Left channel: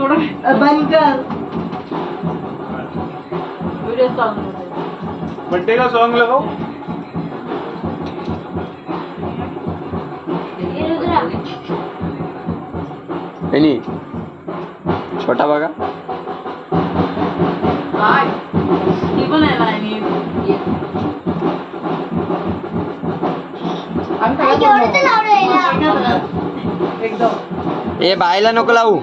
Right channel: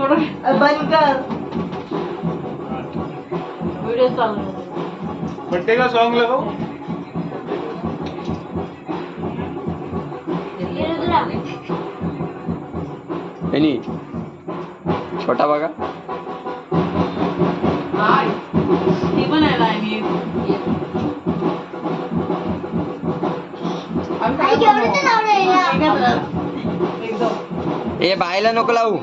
बंद कर वीडियो चालू बर्थडे का सॉन्ग लगाओ. एनी छोटा बघा. ती पण आहे लाईनी ए बायला नको लावू.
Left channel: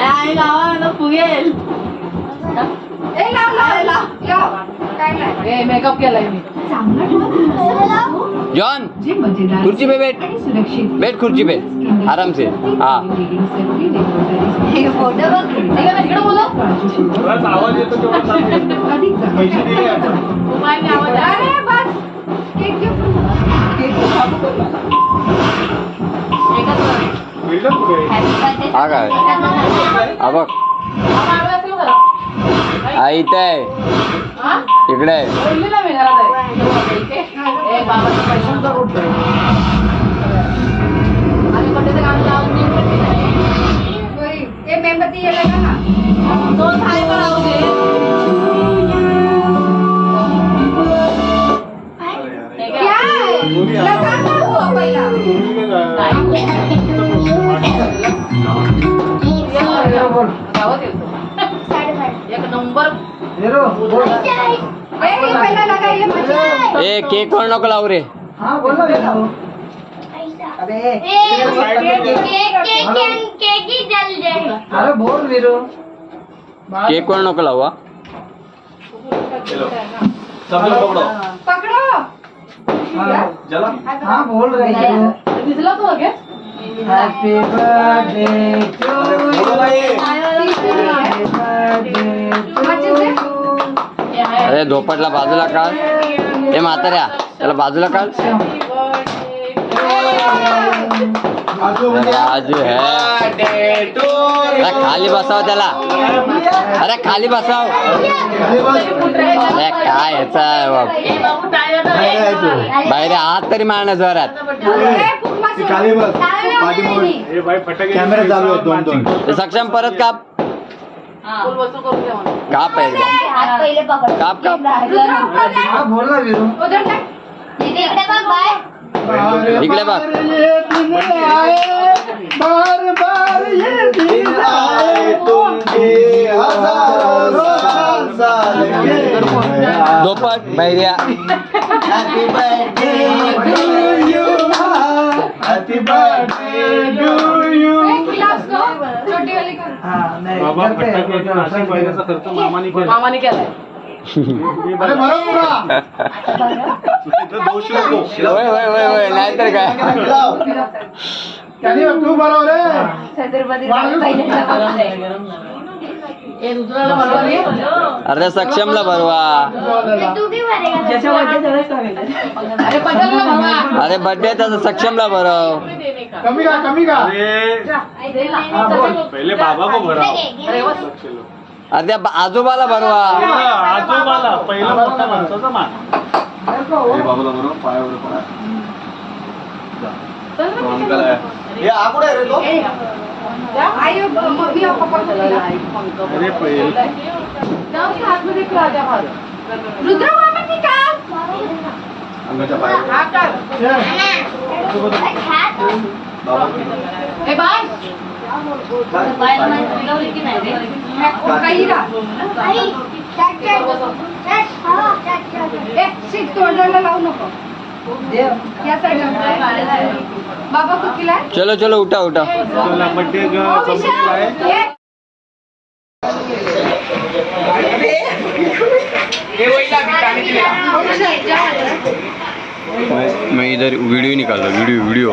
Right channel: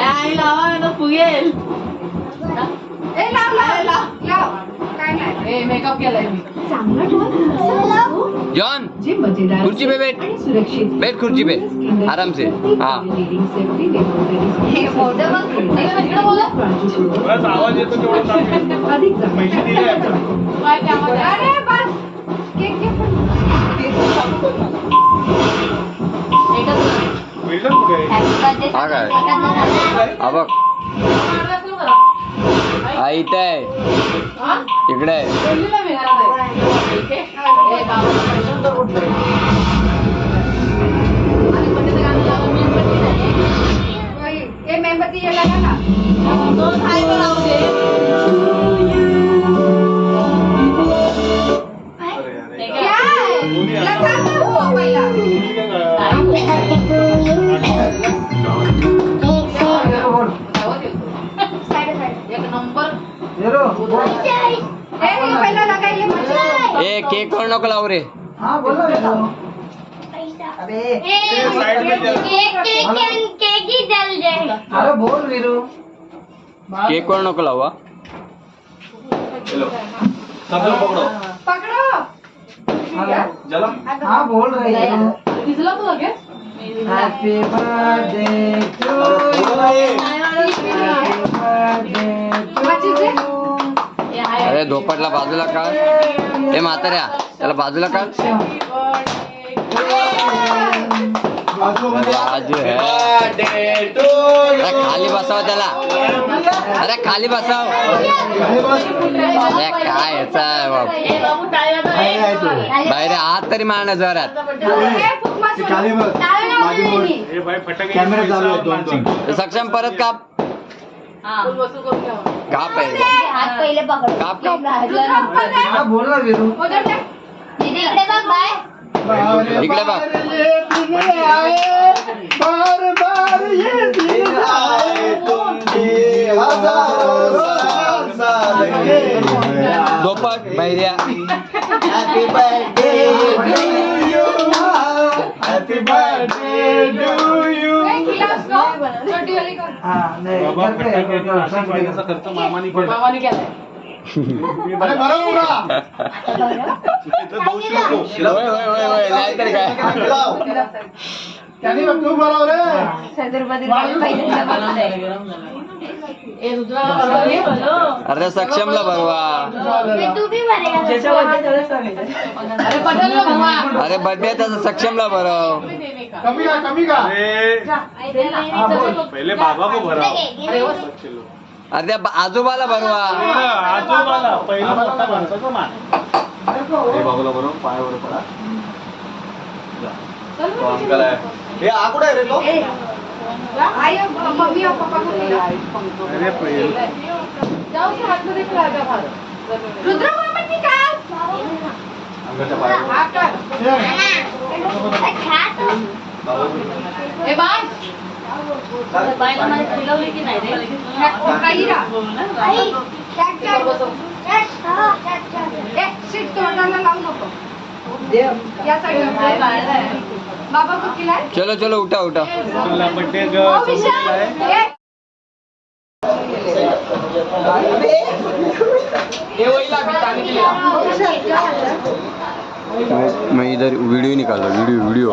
आई लावा ना फुगेल मेकअप केलाय मी जॉन खुर्ची पे बैठ. बैठ खुर्ची पे आराम से. हाँ बस आवाज येतो तेवढं सांगेल. पैसे दिले आता. बिल्डर कुठे आहे? हा काय हा बघ हा इथे आहे इकडे आहे. मेंबरती ये लगा ना तो थाय करावं दे क्या लगा ना हो पहिला एक नंबर पहिला लगाइले मजा ए केक वर नको लावू रे. हाँ बोलो अबे केक ही जल जाए अरे बोल वीरू. केक वर नको लावू. हा चलो सब लोग पकड़ो. पकड़ो चला. हाँ बोल रही है. दिसला तो लगे हैप्पी बर्थडे टू यू. अरे धोपटला बाजूला काढ. ए म्हाताऱ्या त्याला बाजूला काढ. राजू है. अरे खाली बसाव त्याला. अरे खाली बसाव. अरे काय याचा बाहेर हात तरी मारण्या जोरात. ए भाई फटाके कॅमेरा चालू आहे. दोन सक्षम परत काप. काप आहे पहिले पकड काप काप. हाँ बोल रहा वीरू. इकडे बघ बाय इकडे बघ. बार बार ये दिन आए तुमचे हजारों साल के. धोपट बैर्या. Happy birthday to you. Happy birthday to you. छोटी वाली कर हाँ नहीं बाबा घर पे फटाके नाशिक वाहिन्याचा खर्च मामाने केला. मामाने केलाय अरे बरोबर दोष नको. होय होय होय होय नाहीतर काय. तू बरोबर रे. ए दुसऱ्याला बनवली अरे सक्षमला भरवा. तू भी मारेगा अरे बदलला बाबा अरे बर्थडे तर सक्षमला भरव. कमी का अरे पहिले बाबा को भराव. अरे त्या आजोबाला भरवा. आजोबाला पहिला मोठा माणसाचा मान. बाबाला बरोबर पायावर पडा. अंकल आहे. हे आकुड आहे रे तो. आयो मम्मी और पापा को दिला अरे पहिले जाओ हाथ में दिखला जा भाई रुद्र वापस निकाल अंगाच्या पायावर. हाथ कर ए बाय बायला माहिती फिरवली की नाही रे काही रा आई चॅक ए सीट तोडायला लावू नको या साईडला बाबा को खिलाय चलो चलो उठा उठा. तुला बर्थडे संपलेला आहे. मैं इधर वीडियो निकाल रहा वीडियो.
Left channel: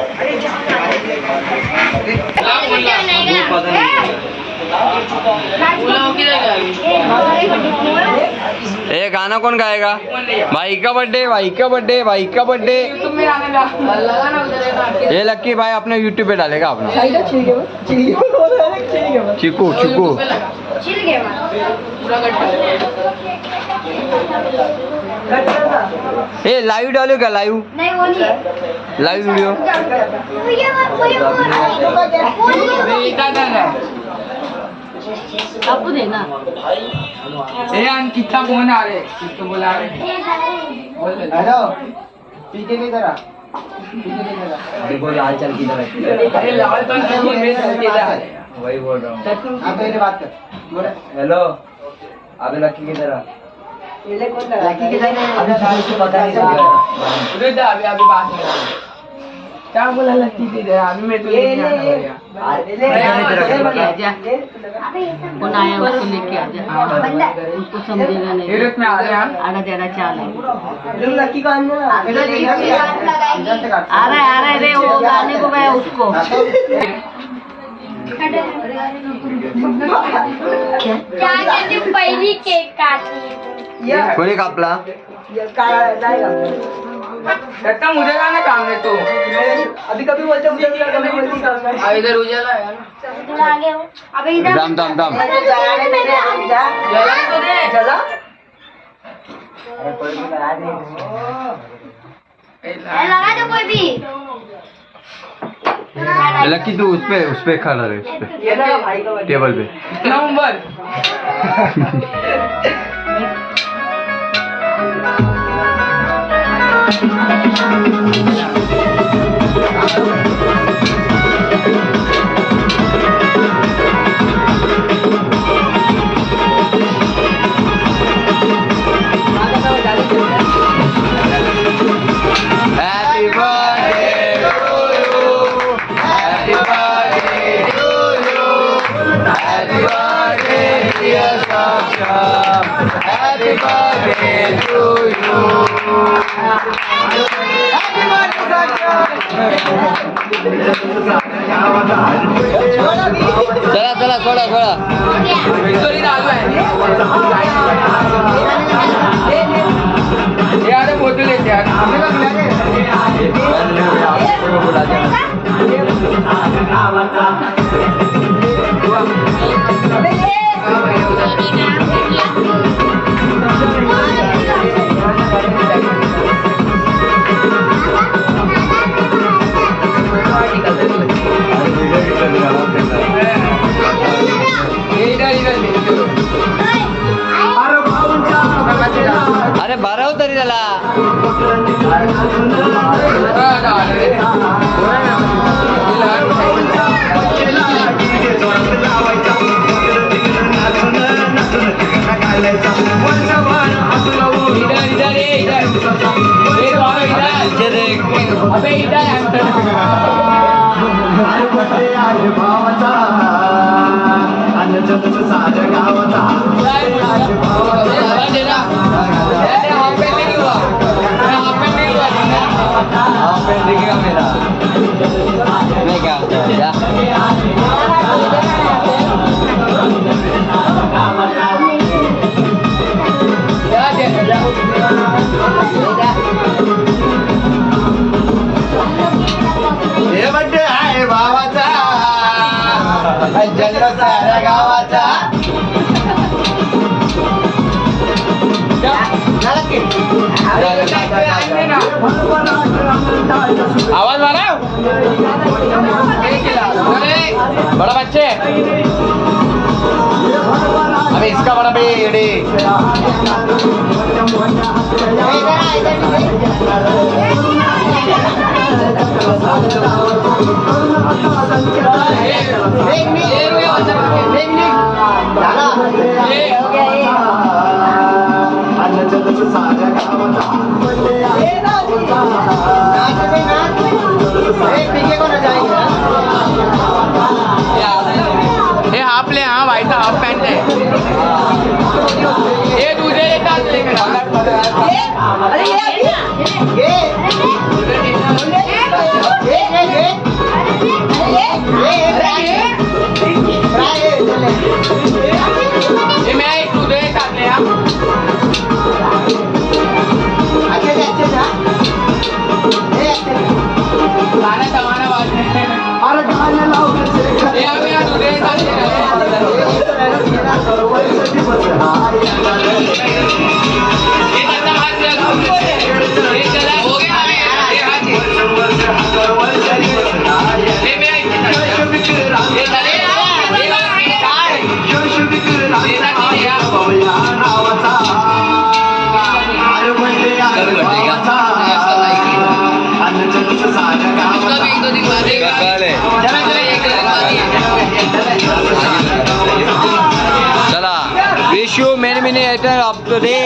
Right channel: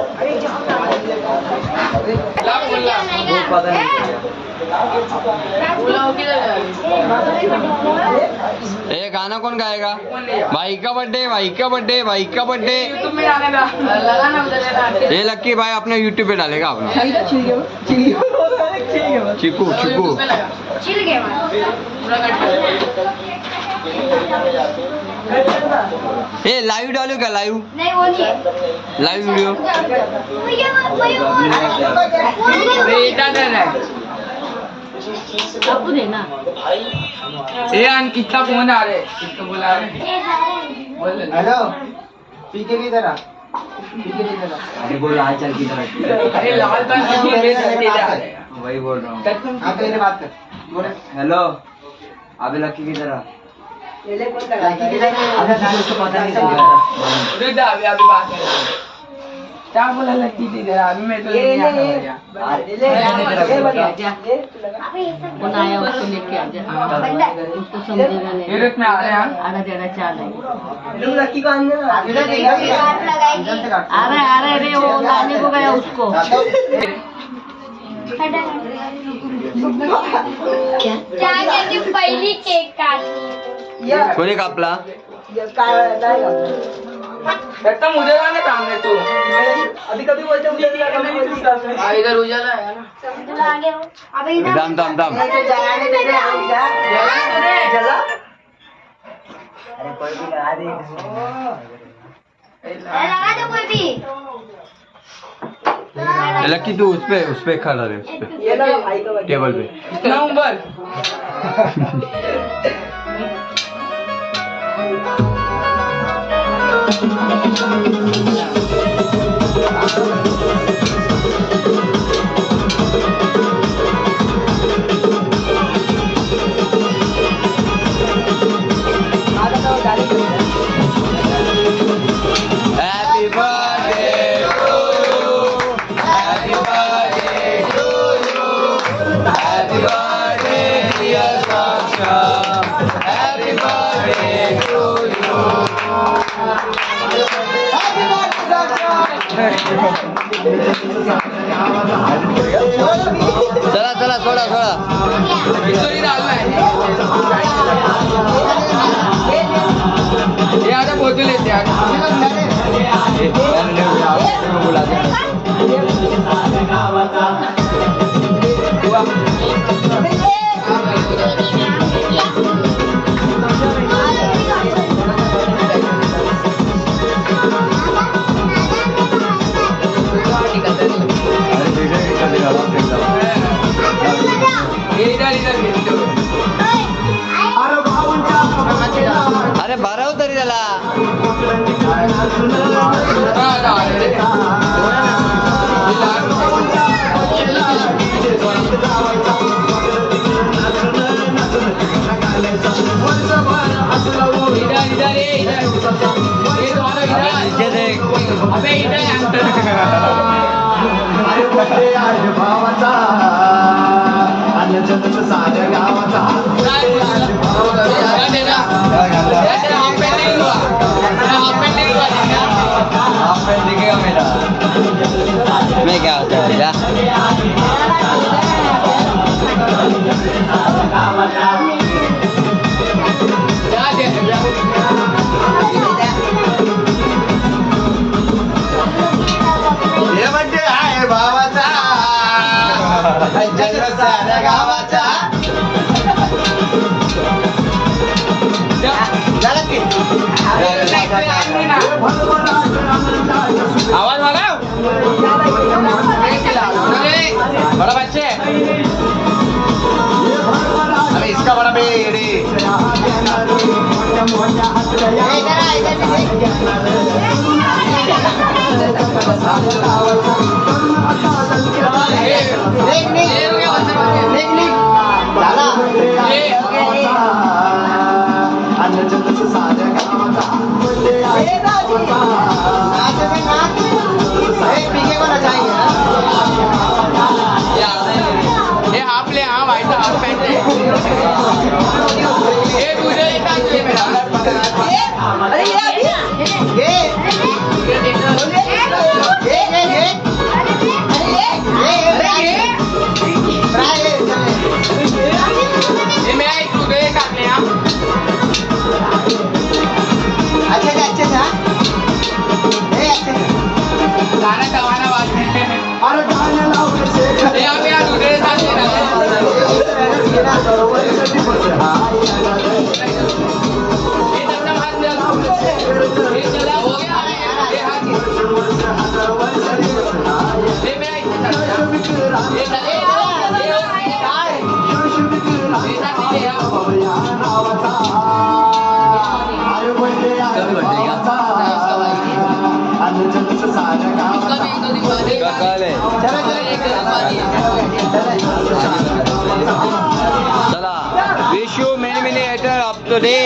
ए गाना कौन गाएगा? भाई का बर्थडे भाई का बर्थडे भाई का बर्थडे. ये लक्की भाई अपने यूट्यूब पे डालेगा अपना. चिकू चिकू चिल गया हे लाईव्ह डालू का लाईव्ह नहीं वो नहीं है लाईव्ह व्हिडिओ आपको देना कितना फोन आ रहे किसको बुला रहे हेलो पीके नहीं दे रहा पीके नहीं दे रहा अरे बोल हाल चाल की अरे लाल का वही बोल रहा हूँ आप मेरे बात कर बोले हेलो अभी लक्की की तरह लड़की के साथ अभी डाल उसको पता नहीं चल रहा रुक जा अभी बात कर क्या बोला लड़की दे दे अभी मैं तो लेके आना भैया कौन आया उसको लेके आ जा उसको समझेगा नहीं ये रुक में आ रहे हैं आगा तेरा चाल है लड़की को आने ना आगे बात लगाएगी आ रहा है रे वो लाने को गया उसको त्याने पहिली केक काटली कोणी कापला लगता मुझे जाने काम है तू अभी कभी बोलते उधर कभी बोलती इधर उजाला है ना तुला आगे हो अबे इधर थांब थांब थांब जला लगा दो कोई भी लक्की तू उस पे खड़ा रहे उस पे टेबल पे number Happy birthday to you. Happy birthday to you. Happy birthday dear Saksha. Happy birthday to you. Happy चला चला सोडा सोडा विक्टोरी चालू आहे हे आता बोतल येते अरे भरव तरी त्याला मैं क्या हे म्हणजे आहे भावाचा जन्म साऱ्या गावाचा झालं की? आवाज मारा बड़ा बच्चे अबे इसका बड़ा बेड़े ये हाफ ले हाँ भाई साहब हाफ पैंट है ये तुझे लेता है अरे ये ये मैं तुझे काट ले हाँ गाना कमाना बात नहीं ये अब यार तुझे साथ ये धंधा हाथ दिया चला wish you many many of to day.